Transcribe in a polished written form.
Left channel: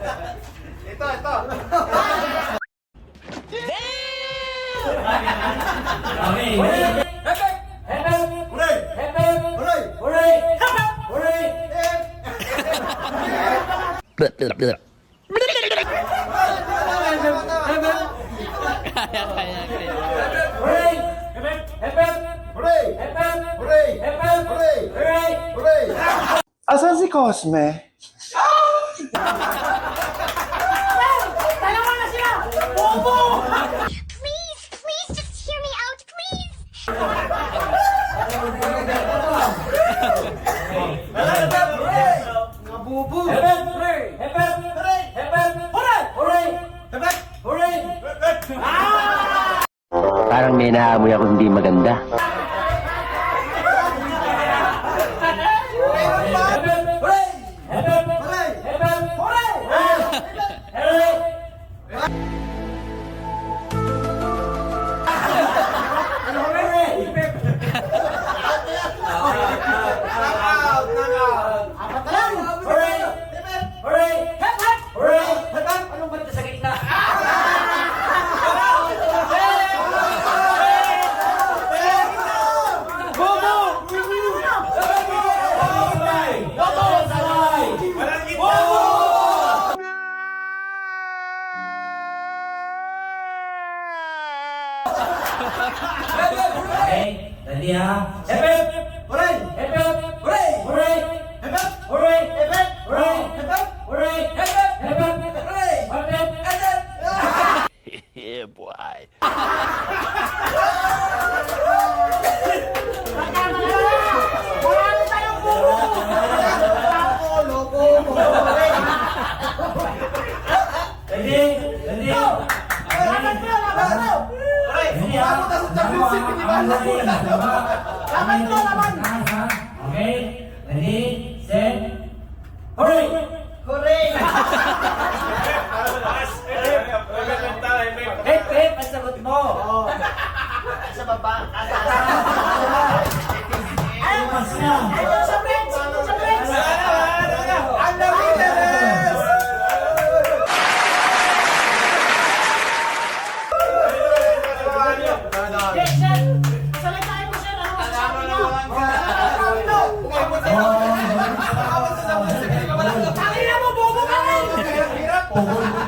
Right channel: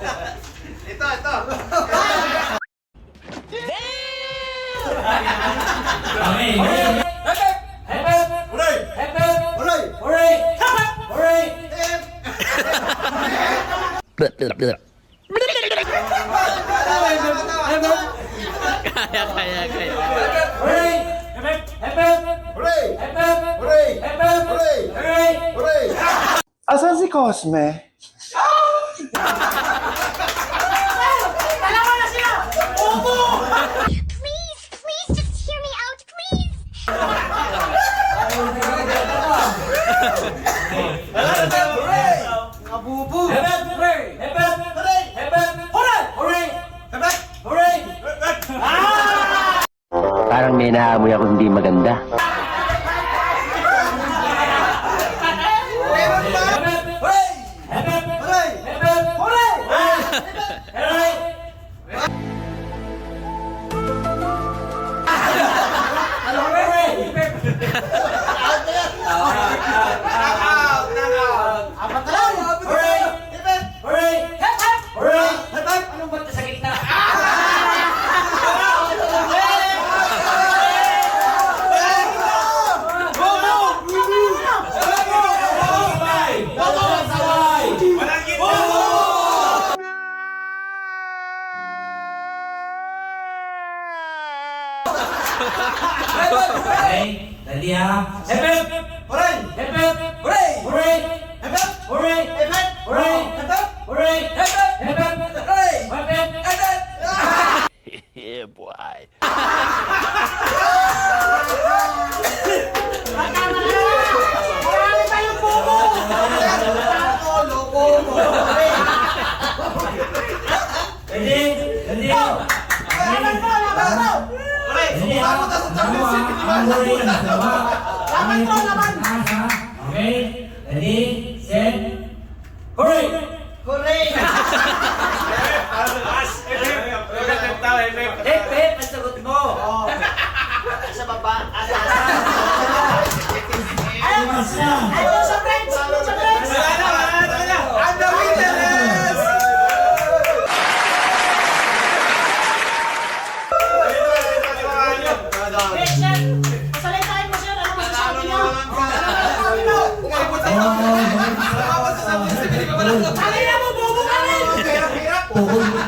Ito, ito. Okay. Hooray! Hooray! Hooray! Hooray! Kaya. Hooray! Hooray! Hooray! Hooray! Hooray! Asan si Cosme? Please, just hear me out, please. Nabubo! Hooray! Hooray! Hooray! Parang may naamoy ako hindi maganda. Ano ba ito sa gitna? Okay, ready ha? Hep! Hooray! Hep! Hooray! Hooray! Hep! Hooray! Hep! Hooray! Hep! Hooray! Hep! Hooray! Yeah, boy. Marami tayong bubo. Ready? Ready? Laban mo. Ready ha? Okay, ready, set, hooray! Hooray! Hep, ang sagot mo. Sa baba. Tumas na. Ito sa friends. Ang dami na! Salitahin mo, sir. Ano masasabi niyo? Tangina mo, bobo ka rin. Hirap-hirap! Pugod mo